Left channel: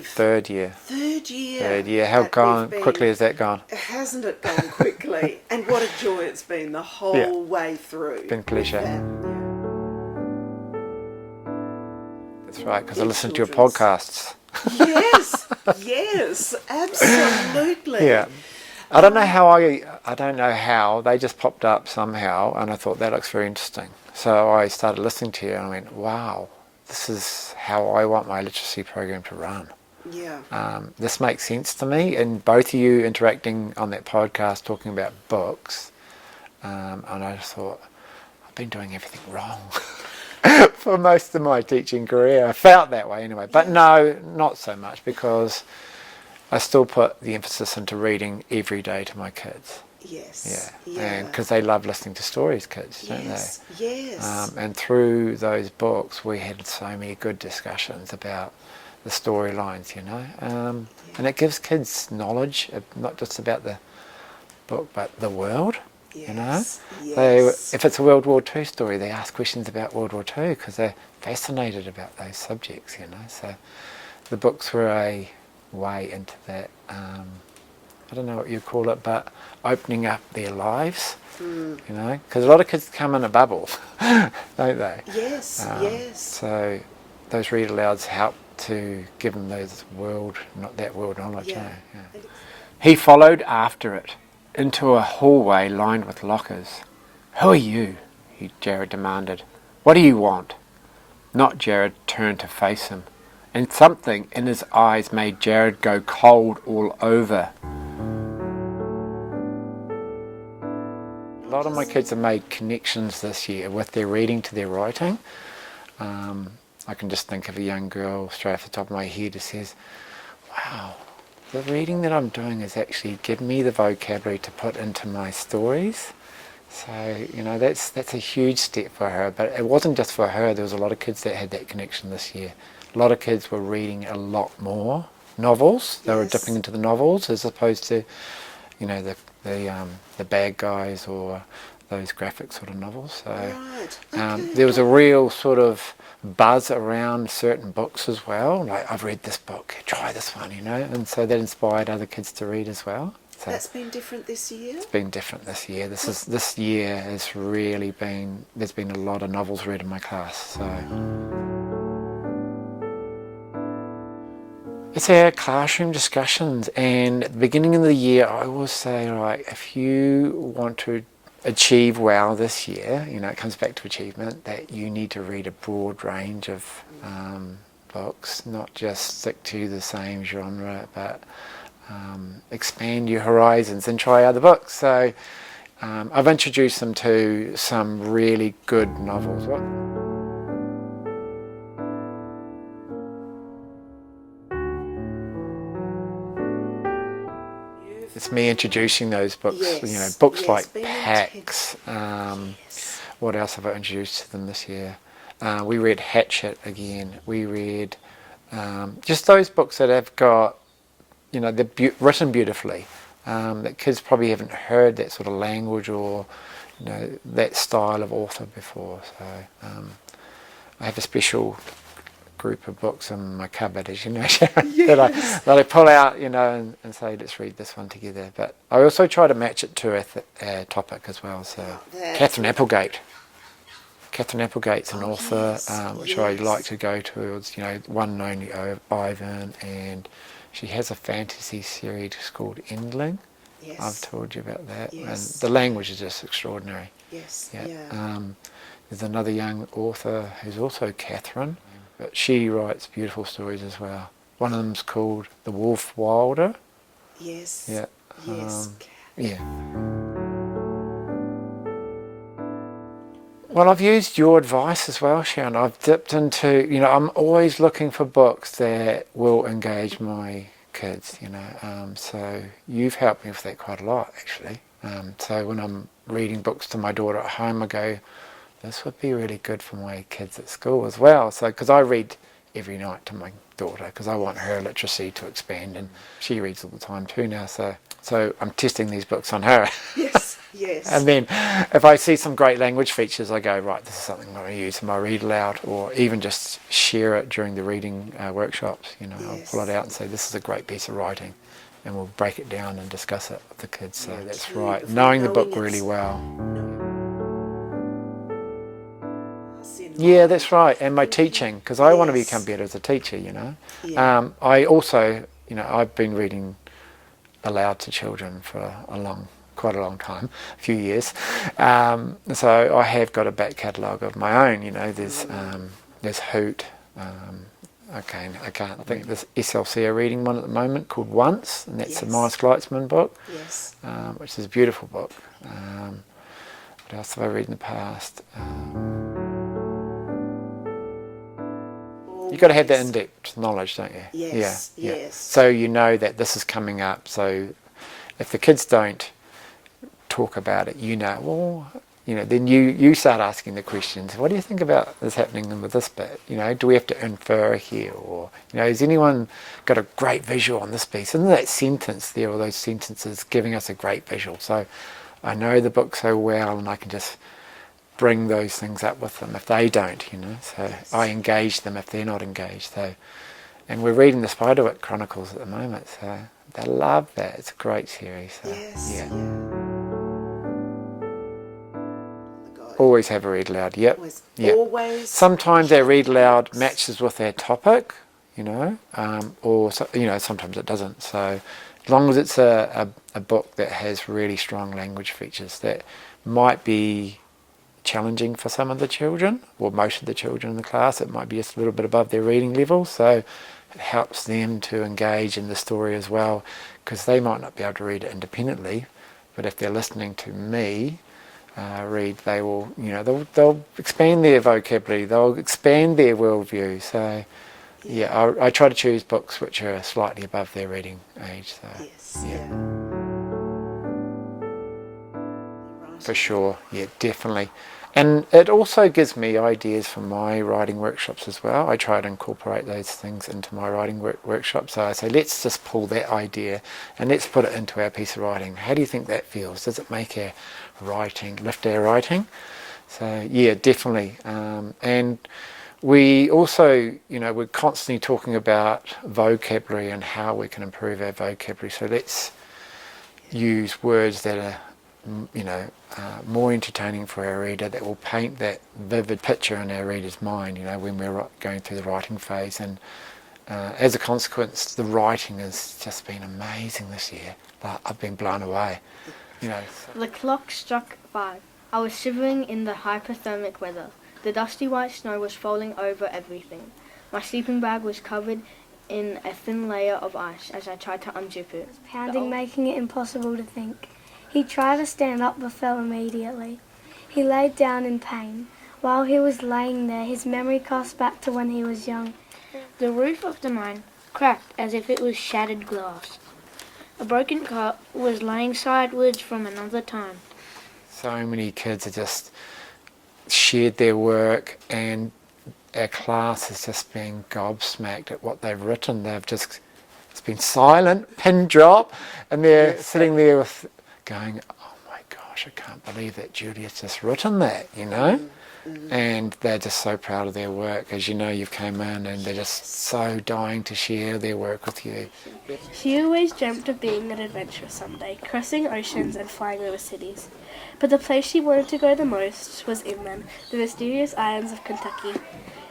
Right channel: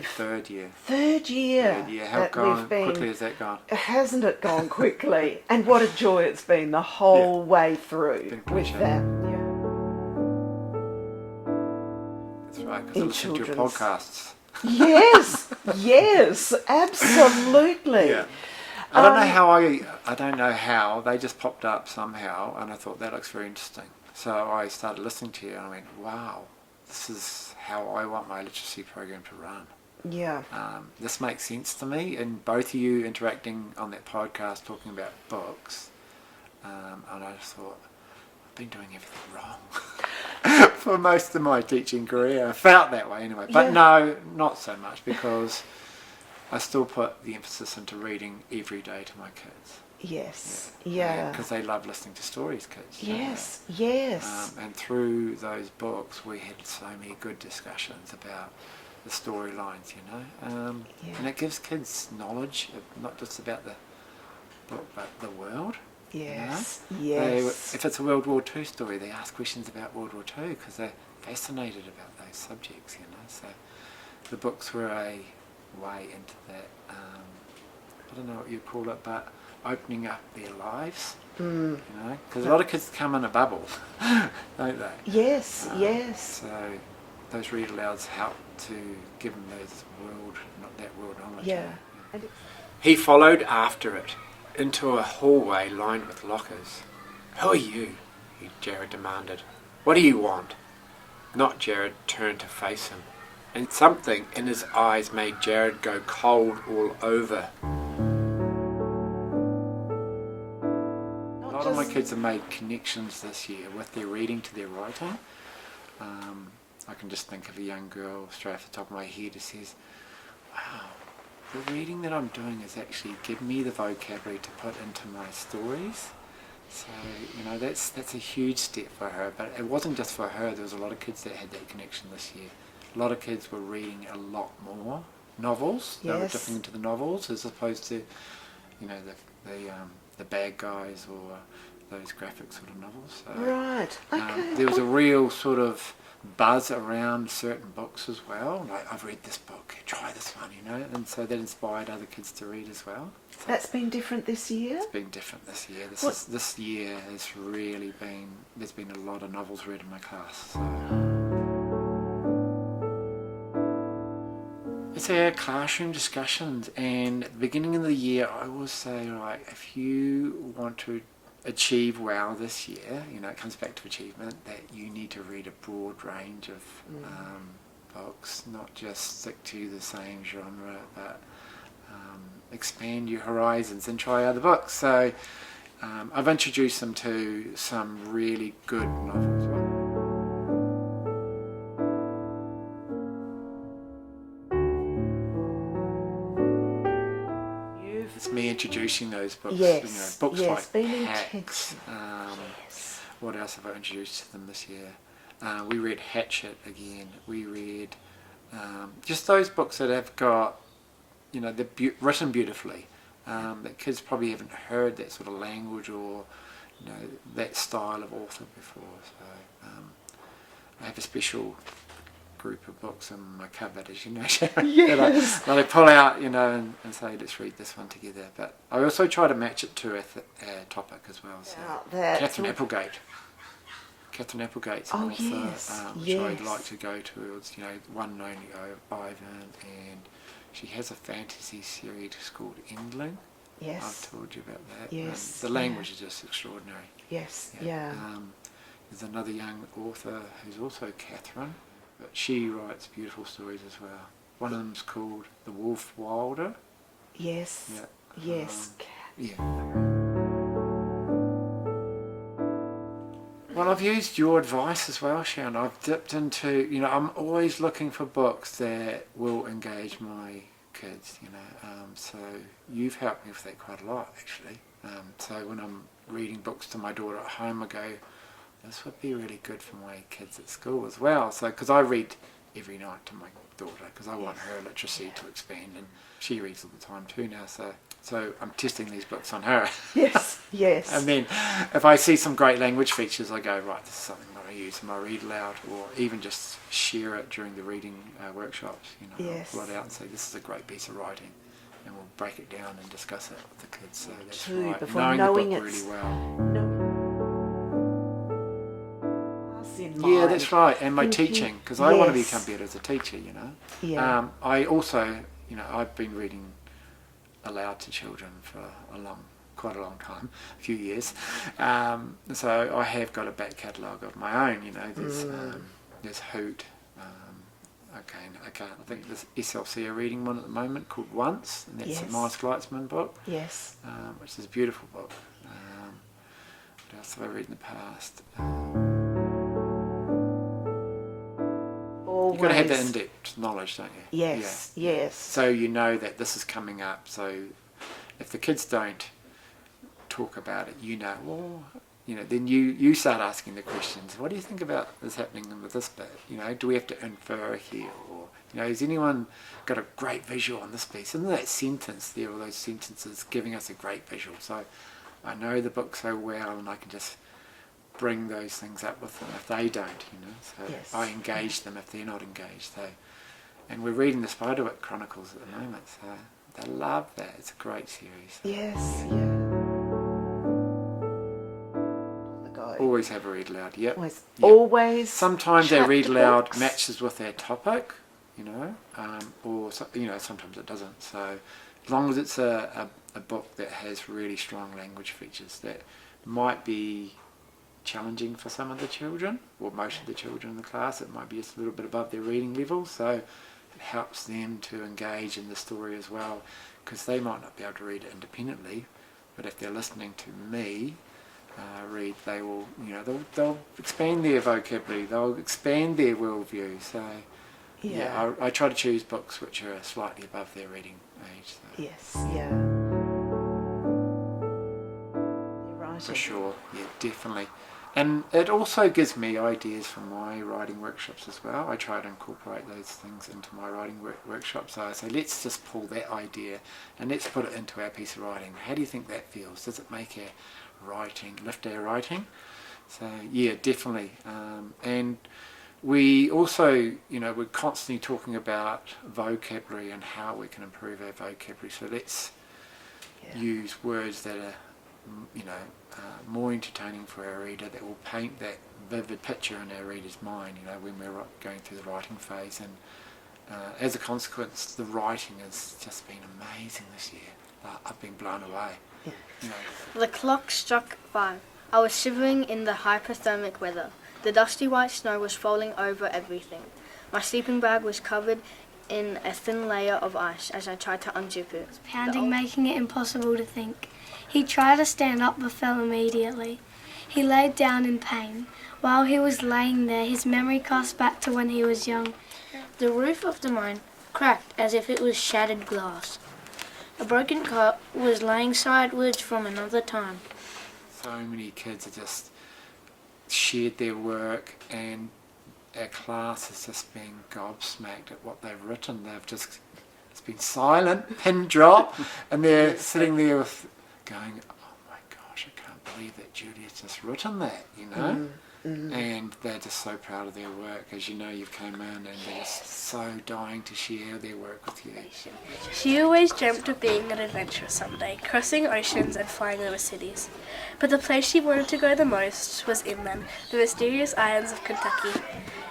third year. Third year. Third year. How quickly has that gone? Hasn't it gone quickly? And what a joy it's been the whole way through. It's been a pleasure. That's right, because I listen to your podcasts. Yes, yes, absolutely. Yeah. I don't know how, they just popped up somehow, and I thought that looks very interesting. So I started listening to you and I went, wow, this is how I want my literacy program to run. Yeah. This makes sense to me, and both of you interacting on that podcast talking about books, and I just thought, I've been doing everything wrong for most of my teaching career. I felt that way anyway, but no, not so much, because I still put the emphasis into reading every day to my kids. Yes. Yeah. Because they love listening to stories, kids, don't they? Yes. And through those books, we had so many good discussions about the storylines, and it gives kids knowledge, not just about the book, but the world. Yes. If it's a World War II story, they ask questions about World War II because they're fascinated about those subjects, So the books were a way into that. I don't know what you call it, but opening up their lives, because a lot of kids come in a bubble, don't they? Yes. So those read alouds help to give them those world knowledge. Yeah. He followed after it into a hallway lined with lockers. "Who are you?" Jared demanded. "What do you want?" Not Jared turned to face him, and something in his eyes made Jared go cold all over. A lot of my kids have made connections this year with their reading to their writing. I can just think of a young girl straight off the top of my head who says, wow, the reading that I'm doing is actually giving me the vocabulary to put into my stories. So, that's a huge step for her. But it wasn't just for her. There was a lot of kids that had that connection this year. A lot of kids were reading a lot more novels. They were dipping into the novels as opposed to, the bad guys or those graphic sort of novels. So right. Okay. there was a real sort of buzz around certain books as well. Like, I've read this book, try this one, and so that inspired other kids to read as well. So that's been different this year? It's been different this year. This year has really been, there's been a lot of novels read in my class. So it's our classroom discussions, and at the beginning of the year I always say, if you want to achieve well this year, it comes back to achievement, that you need to read a broad range of books, not just stick to the same genre, but expand your horizons and try other books. So I've introduced them to some really good novels. It's me introducing those books, books like Hacks. What else have I introduced to them this year? We read Hatchet again. We read just those books that have got, they're written beautifully. That kids probably haven't heard that sort of language or, that style of author before. So I have a special group of books in my cupboard, as you know, Sharon, that I pull out, and say, let's read this one together. But I also try to match it to a topic as well. So Catherine Applegate's an author, which I like to go towards, One and Only Ivan, and she has a fantasy series called Endling. Yes. I've told you about that. Yes. And the language is just extraordinary. Yes. There's another young author who's also Catherine, but she writes beautiful stories as well. One of them's called The Wolf Wilder. Yes. Yeah. Yes. Well, I've used your advice as well, Sharon. I've dipped into, I'm always looking for books that will engage my kids, so you've helped me with that quite a lot, actually. So when I'm reading books to my daughter at home, I go, this would be really good for my kids at school as well. So, because I read every night to my daughter, because I want her literacy to expand, and she reads all the time too now. So I'm testing these books on her. Yes. Yes. And then if I see some great language features, I go, right, this is something I'm going to use in my read aloud, or even just share it during the reading workshops. I'll pull it out and say, this is a great piece of writing, and we'll break it down and discuss it with the kids. So that's right, knowing the book really well. Yeah, that's right. And my teaching, because I want to become better as a teacher, Yeah. I also, I've been reading aloud to children for quite a long time, a few years. So I have got a back catalogue of my own. There's Hoot. I think there's SLC reading one at the moment called Once, and that's a Morris Gleitzman book. Yes. Which is a beautiful book. What else have I read in the past? You've got to have that in-depth knowledge, don't you? Yes, yes. Yeah. So you know that this is coming up. So if the kids don't talk about it, then you start asking the questions. What do you think about this happening with this bit? Do we have to infer here? Or, has anyone got a great visual on this piece? Isn't that sentence there, or those sentences giving us a great visual? So I know the book so well, and I can just bring those things up with them if they don't, so I engage them if they're not engaged. And we're reading the Spiderwick Chronicles at the moment, so they love that. It's a great series. So, yes. Yeah. Always have a read aloud. Yep. Always. Sometimes their read aloud matches with their topic, or sometimes it doesn't. So as long as it's a book that has really strong language features that might be challenging for some of the children, or most of the children in the class, it might be just a little bit above their reading level, so it helps them to engage in the story as well, because they might not be able to read it independently, but if they're listening to me read, they will, they'll expand their vocabulary, they'll expand their worldview. So I try to choose books which are slightly above their reading age. So, for sure, definitely. And it also gives me ideas for my writing workshops as well. I try to incorporate those things into my writing workshop. So I say, let's just pull that idea and let's put it into our piece of writing. How do you think that feels? Does it make our writing, lift our writing? So definitely. And we also, we're constantly talking about vocabulary and how we can improve our vocabulary. So let's use words that are more entertaining for our reader, that will paint that vivid picture in our reader's mind, when we're going through the writing phase. And as a consequence, the writing has just been amazing this year. I've been blown away. The clock struck 5. I was shivering in the hypothermic weather. The dusty white snow was falling over everything. My sleeping bag was covered in a thin layer of ice as I tried to unzip it. Pounding, making it impossible to think. He tried to stand up but fell immediately. He laid down in pain. While he was laying there, his memory cast back to when he was young. The roof of the mine cracked as if it was shattered glass. A broken cup was laying sideways from another time. So many kids have just shared their work, and our class has just been gobsmacked at what they've written. It's been silent, pin drop, and they're sitting there going, oh my gosh, I can't believe that Julia's just written that, and they're just so proud of their work. As you've come in and they're just so dying to share their work with you. She always dreamt of being an adventurer someday, crossing oceans and flying over cities. But the place she wanted to go the most was inland, the mysterious islands of Kentucky.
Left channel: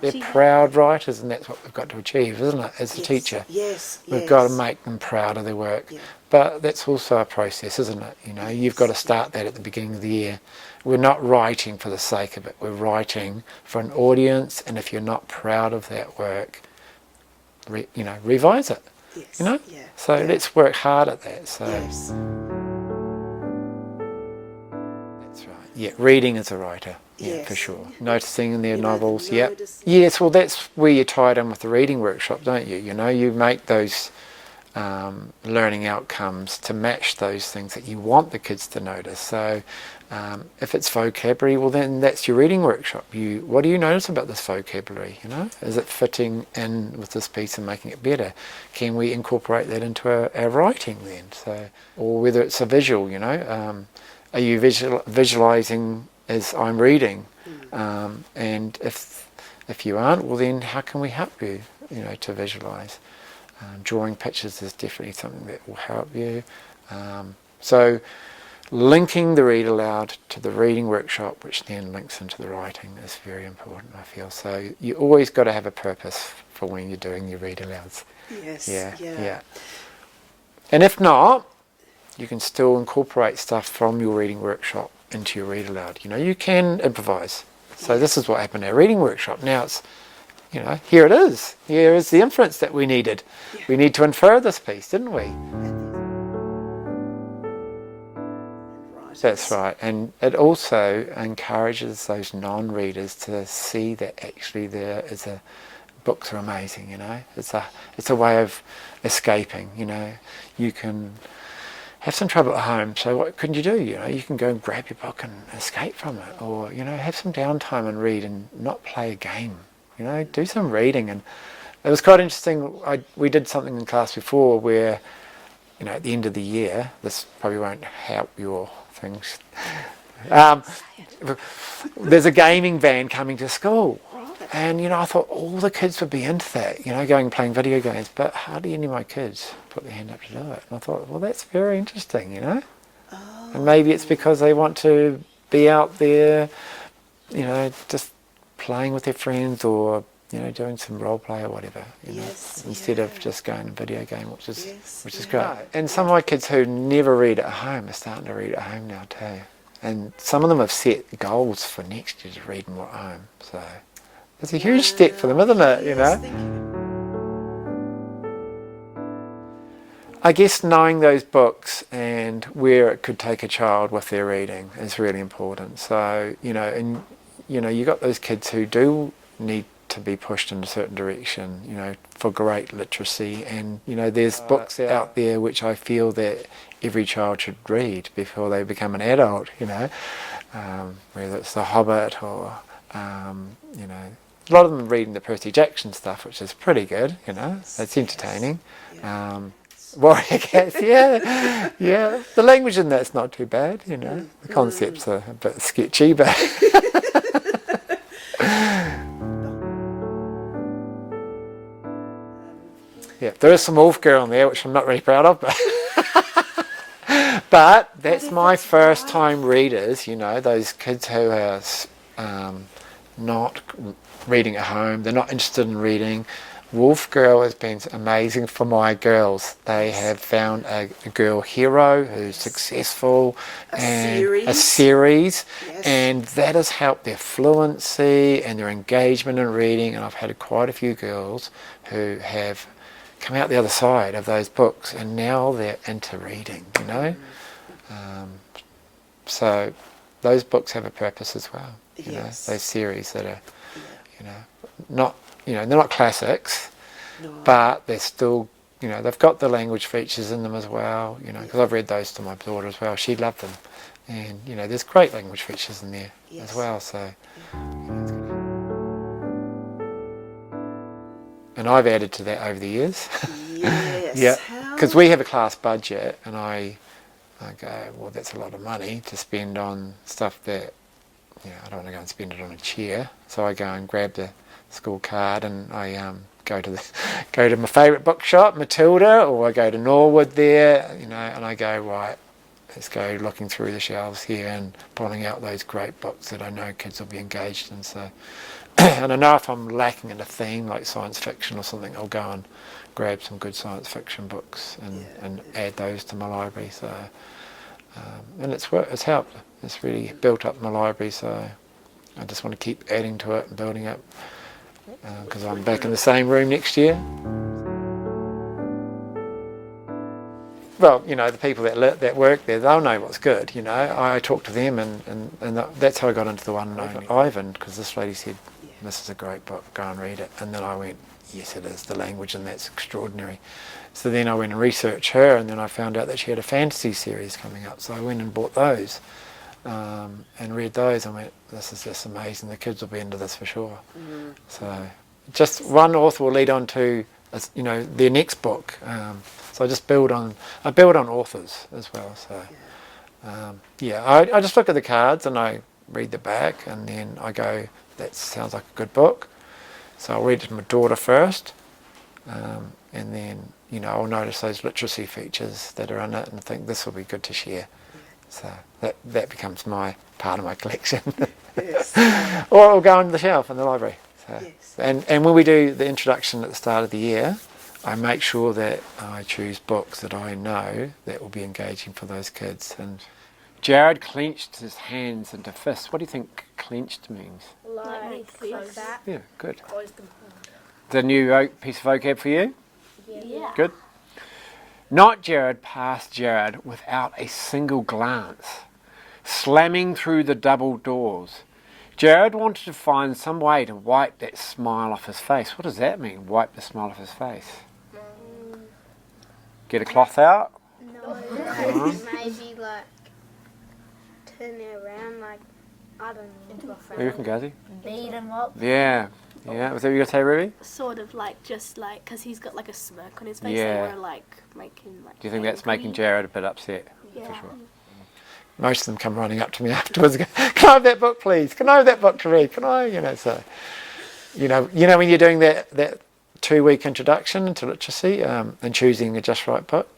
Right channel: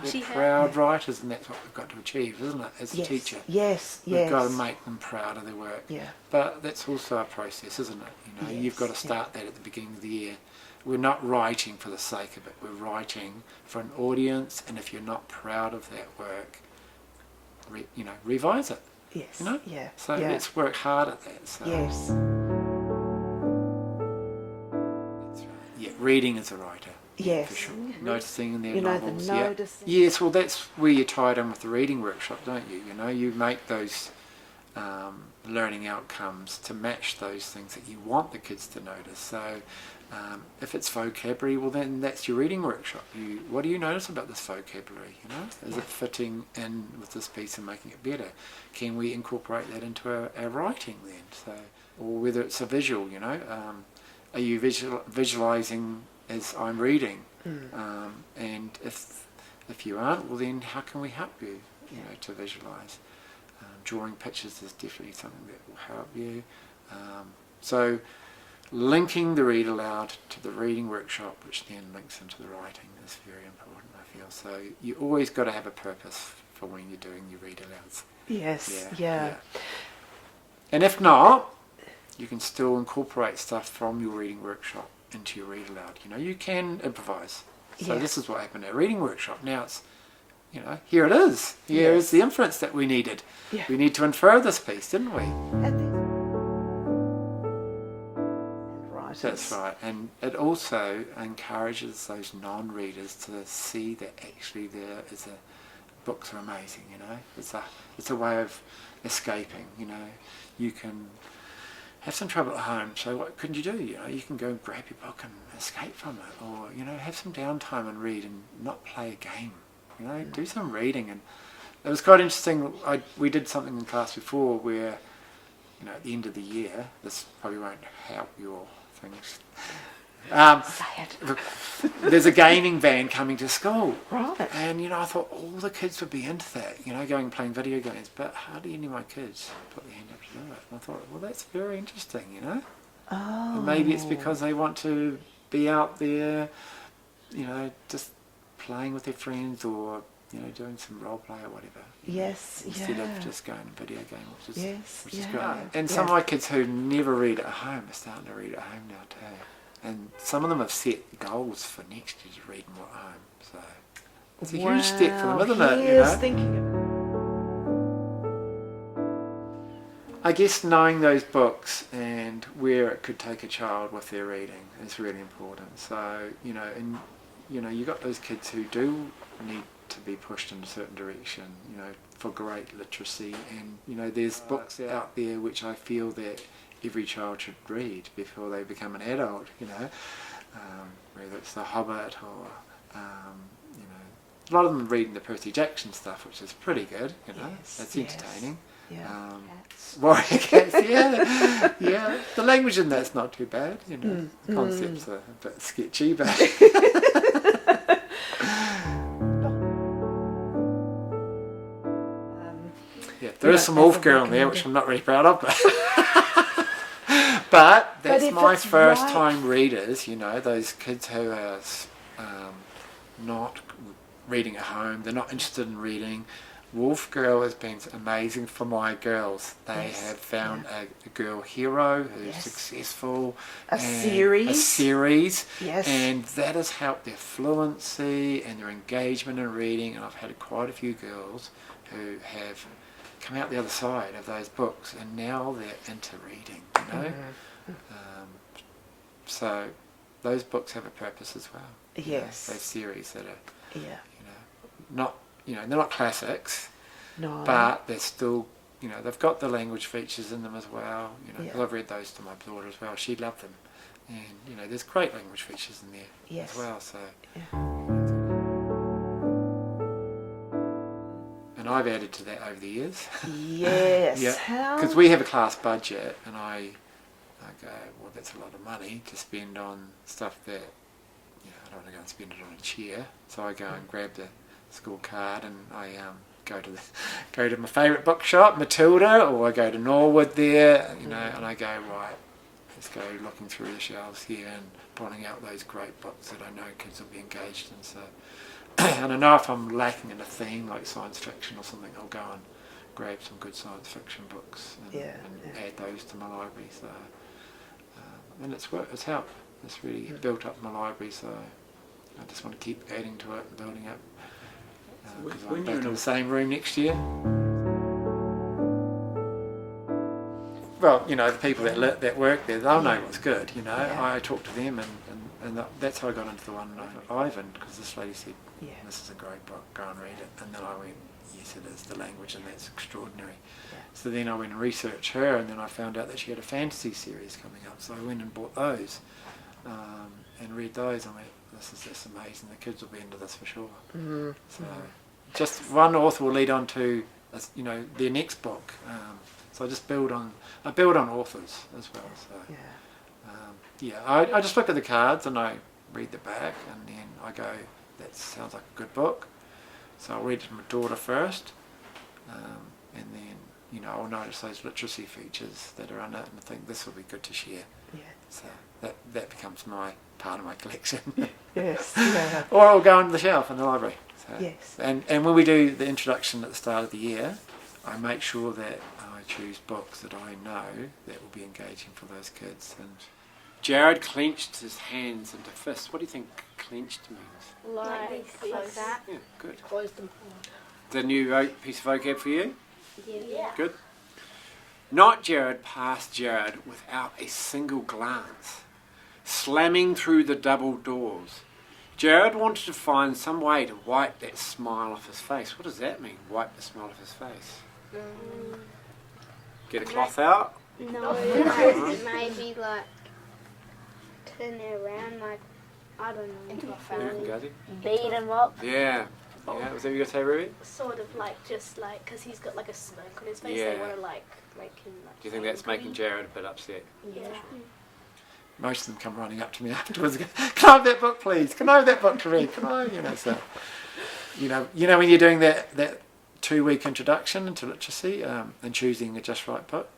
They're proud writers, and that's what we've got to achieve, isn't it, as a teacher? We've got to make them proud of their work. But that's also a process, isn't it? You've got to start that at the beginning of the year. We're not writing for the sake of it. We're writing for an audience, and if you're not proud of that work, revise it. So let's work hard at that. So. Yeah, reading as a writer, for sure. Noticing in their novels, Yes, well, that's where you tie it in with the reading workshop, don't you? You make those learning outcomes to match those things that you want the kids to notice. So if it's vocabulary, well, then that's your reading workshop. What do you notice about this vocabulary? Is it fitting in with this piece and making it better? Can we incorporate that into our writing then? So, or whether it's a visual, are you visualizing as I'm reading? And if you aren't, well then how can we help you, to visualize? Drawing pictures is definitely something that will help you. So linking the read aloud to the reading workshop, which then links into the writing, is very important, I feel. So you always got to have a purpose for when you're doing your read alouds. Yes. Yeah. And if not, you can still incorporate stuff from your reading workshop into your read aloud. You can improvise. So this is what happened at our reading workshop. Now it's, here it is. Here is the inference that we needed. Yeah. We need to infer this piece, didn't we? That's right. And it also encourages those non-readers to see that actually books are amazing, It's a way of escaping, You can have some trouble at home, so what can you do? You can go and grab your book and escape from it, or have some downtime and read and not play a game. Do some reading. And it was quite interesting. We did something in class before where, at the end of the year, this probably won't help your things. There's a gaming van coming to school, Right. and I thought all the kids would be into that, going and playing video games, but hardly any of my kids put their hand up to do it. And I thought, well, that's very interesting, Oh. And maybe it's because they want to be out there, just playing with their friends, or doing some role play or whatever. Instead of just going to video game, which is great. And some of my kids who never read at home are starting to read at home now too. And some of them have set goals for next year to read more at home. So it's a huge step for them, isn't it? I guess knowing those books and where it could take a child with their reading is really important. So, you got those kids who do need to be pushed in a certain direction, for great literacy. And, there's books out there which I feel that every child should read before they become an adult, whether it's The Hobbit or, a lot of them reading the Percy Jackson stuff, which is pretty good, it's entertaining. Warrior Cats, yeah. The language in that's not too bad, The concepts are a bit sketchy, but... Yeah, there is some Wolf Girl in there, which I'm not really proud of, but that's my first time readers, those kids who are not reading at home, they're not interested in reading. Wolf Girl has been amazing for my girls. They have found a girl hero who's successful. A series. Yes. And that has helped their fluency and their engagement in reading. And I've had quite a few girls who have come out the other side of those books, and now they're into reading, So those books have a purpose as well. Yes. Those series that are, not, they're not classics, No. but they're still, they've got the language features in them as well, because I've read those to my daughter as well. She loved them. And, there's great language features in there as well, so... And I've added to that over the years. Yes. Yeah, because we have a class budget, and I go, well, that's a lot of money to spend on stuff that, I don't want to go and spend it on a chair. So I go and grab the school card, and I go to my favourite bookshop, Matilda, or I go to Norwood there, and I go, right, let's go looking through the shelves here and pulling out those great books that I know kids will be engaged in. So. And I know if I'm lacking in a theme like science fiction or something, I'll go and grab some good science fiction books and add those to my library. So, and it's helped. It's really built up my library. So I just want to keep adding to it and building it, because I'm back in the same room next year. Well, the people that work there, they'll know what's good, I talk to them, and that's how I got into the one on Ivan, because this lady said, this is a great book, go and read it. And then I went, yes, it is, the language, and that's extraordinary. So then I went and researched her, and then I found out that she had a fantasy series coming up. So I went and bought those, and read those, and went, this is just amazing, the kids will be into this for sure. So just one author will lead on to, their next book. So I build on authors as well. So Yeah, I just look at the cards and I read the back, and then I go, that sounds like a good book. So I'll read it to my daughter first, and then, you know, I'll notice those literacy features that are in it and think this will be good to share. Yeah. So that becomes my part of my collection. Yes. Or it'll go on the shelf in the library. So, Yes. and when we do the introduction at the start of the year, I make sure that I choose books that I know that will be engaging for those kids. And Jared clenched his hands into fists. What do you think clenched means? Like this. Yeah, good. The new piece of vocab for you? Yeah. Good. Not Jared passed Jared without a single glance, slamming through the double doors. Jared wanted to find some way to wipe that smile off his face. What does that mean, wipe the smile off his face? Get a cloth out? No, maybe like turn it around, like, I don't know. Yeah, you can go, Beat him up. Yeah. Yeah, was that what you were going to say, Ruby? Sort of like, just like, because he's got like a smirk on his face, Yeah. they want to like make him like. Do you think that's making Jared a bit upset? Yeah. For sure. Most of them come running up to me afterwards and go, can I have that book, please? Can I have that book to read? Can I? You know, so, you know when you're doing that 2-week introduction into literacy and choosing a just right book.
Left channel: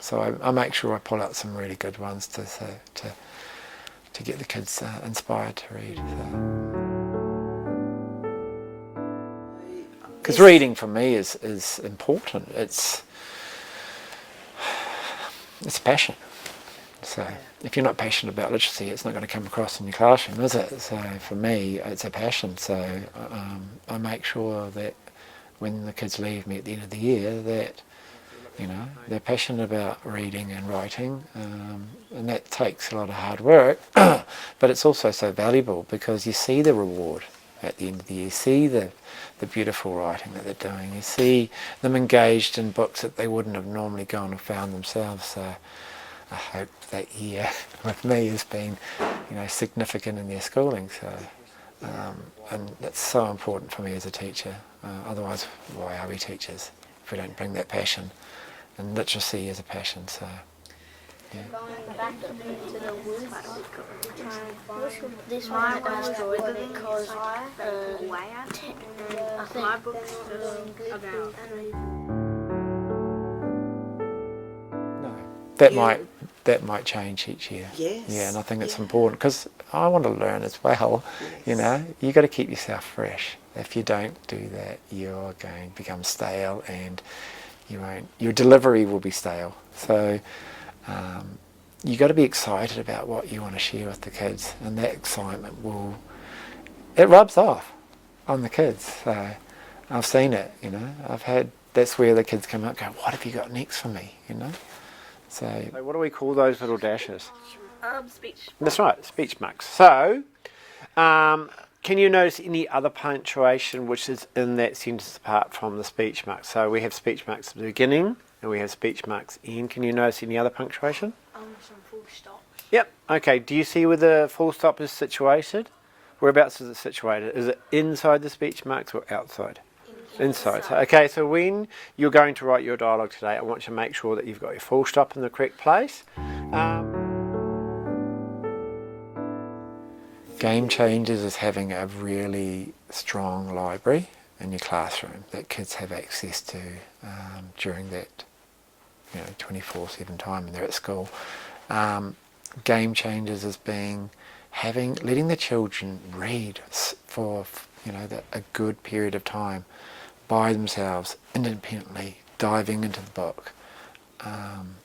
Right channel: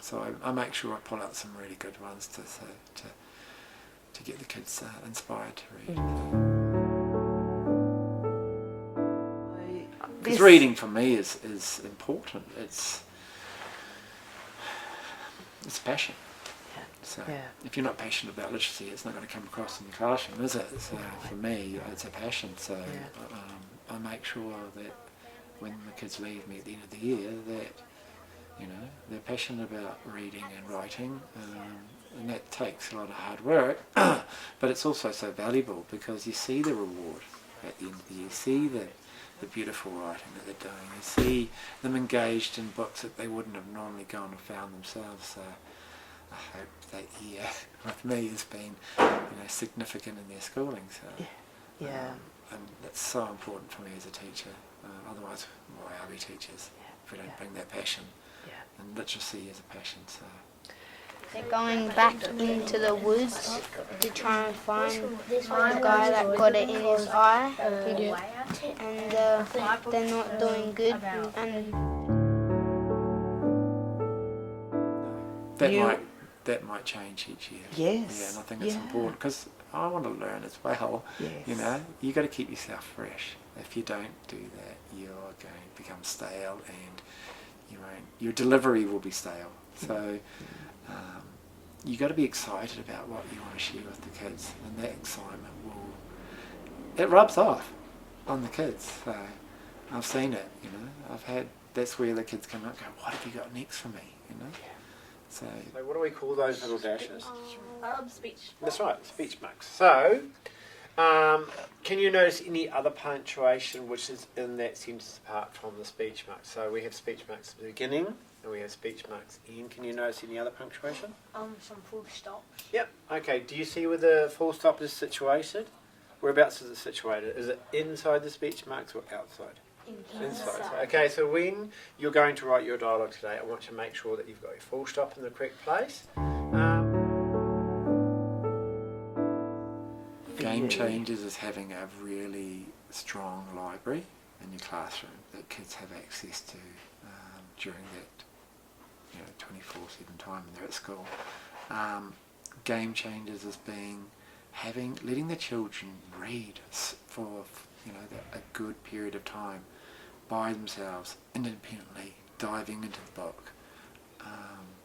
So I make sure I pull out some really good ones to get the kids inspired to read. Because reading for me is important. It's passion. So if you're not passionate about literacy, it's not going to come across in your classroom, is it? So for me, it's a passion. So I make sure that when the kids leave me at the end of the year, that they're passionate about reading and writing, and that takes a lot of hard work. But it's also so valuable because you see the reward at the end of the year. You see the beautiful writing that they're doing. You see them engaged in books that they wouldn't have normally gone and found themselves. So I hope that year with me has been, significant in their schooling. So, and that's so important for me as a teacher. Otherwise, why are we teachers if we don't bring that passion? And literacy is a passion. So They're going back into the woods to try and find the guy that got it in his eye, and they're not doing good. And that might change each year. Yes. Yeah, and I think it's important because I want to learn as well. Yes. You got to keep yourself fresh. If you don't do that, you're going to become stale, and your delivery will be stale. So you got to be excited about what you want to share with the kids, and that excitement it rubs off on the kids. So I've seen it. That's where the kids come up and go, what have you got next for me? So what do we call those little dashes? Speech. That's right, speech marks. So can you notice any other punctuation which is in that sentence apart from the speech marks? So we have speech marks at the beginning and we have speech marks end. Can you notice any other punctuation? Some full stops. Yep. Okay, do you see where the full stop is situated? Whereabouts is it situated? Is it inside the speech marks or outside? Inside. Okay, so when you're going to write your dialogue today, I want you to make sure that you've got your full stop in the correct place. Game Changers is having a really strong library in your classroom that kids have access to during that 24/7 time when they're at school. Game Changers is letting the children read for a good period of time by themselves, independently, diving into the book.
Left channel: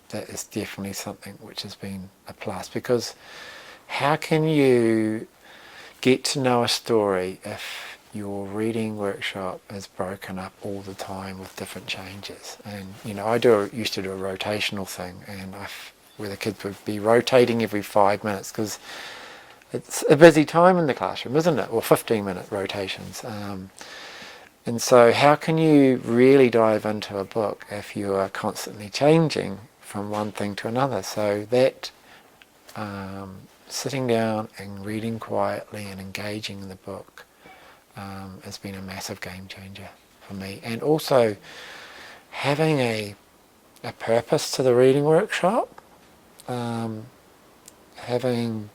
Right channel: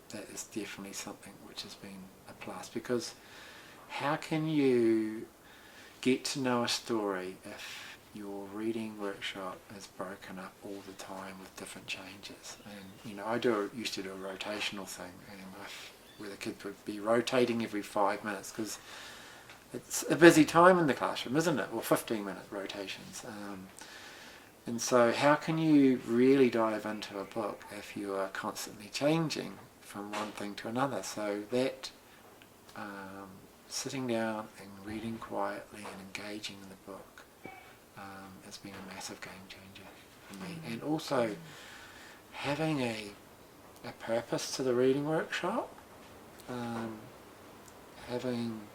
That is definitely something which has been a plus, because how can you get to know a story if your reading workshop is broken up all the time with different changes? And I used to do a rotational thing, and where the kids would be rotating every 5 minutes, because it's a busy time in the classroom, isn't it? Or 15-minute rotations. And so how can you really dive into a book if you are constantly changing from one thing to another? So that sitting down and reading quietly and engaging in the book has been a massive game changer for me. And also having a purpose to the reading workshop. having,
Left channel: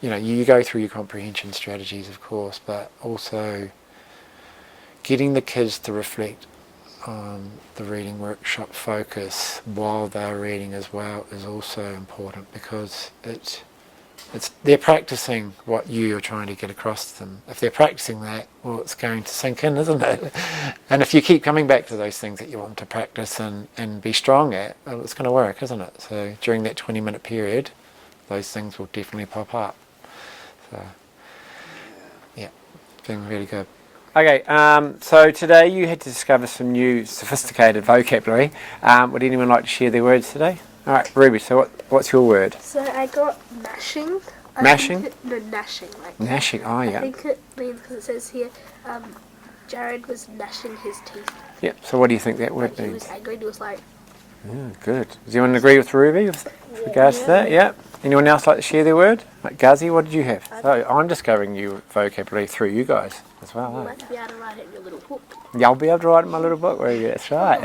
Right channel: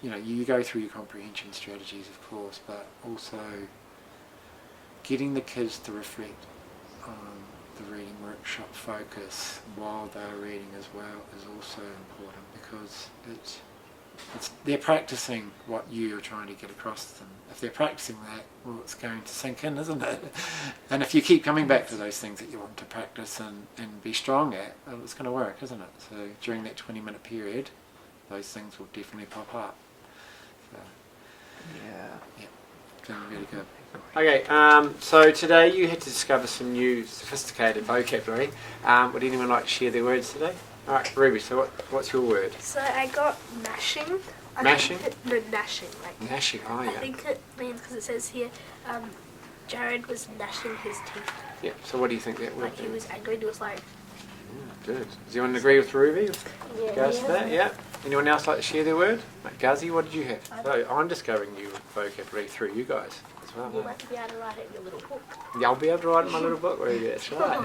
you go through your comprehension strategies, of course, but also getting the kids to reflect on the reading workshop focus while they're reading as well is also important, because they're practicing what you're trying to get across to them. If they're practicing that, well, it's going to sink in, isn't it? And if you keep coming back to those things that you want to practice and be strong at, well, it's going to work, isn't it? So during that 20-minute period, those things will definitely pop up. So, yeah, feeling really good. Okay, so today you had to discover some new sophisticated vocabulary. Would anyone like to share their words today? All right, Ruby, so what's your word? So I got gnashing. Mashing? Gnashing. Gnashing, oh yeah. I think it means, because it says here, Jared was gnashing his teeth. Yep, so what do you think that word Like he means? was angry, he was like... Yeah, good. Does anyone agree with Ruby with regards to that? Yeah. Anyone else like to share their word? Like Gazi, what did you have? So I'm discovering new vocabulary through you guys as well. You might be able to write it in your little book. Yeah, I'll be able to write it in my little book, Ruby, that's right.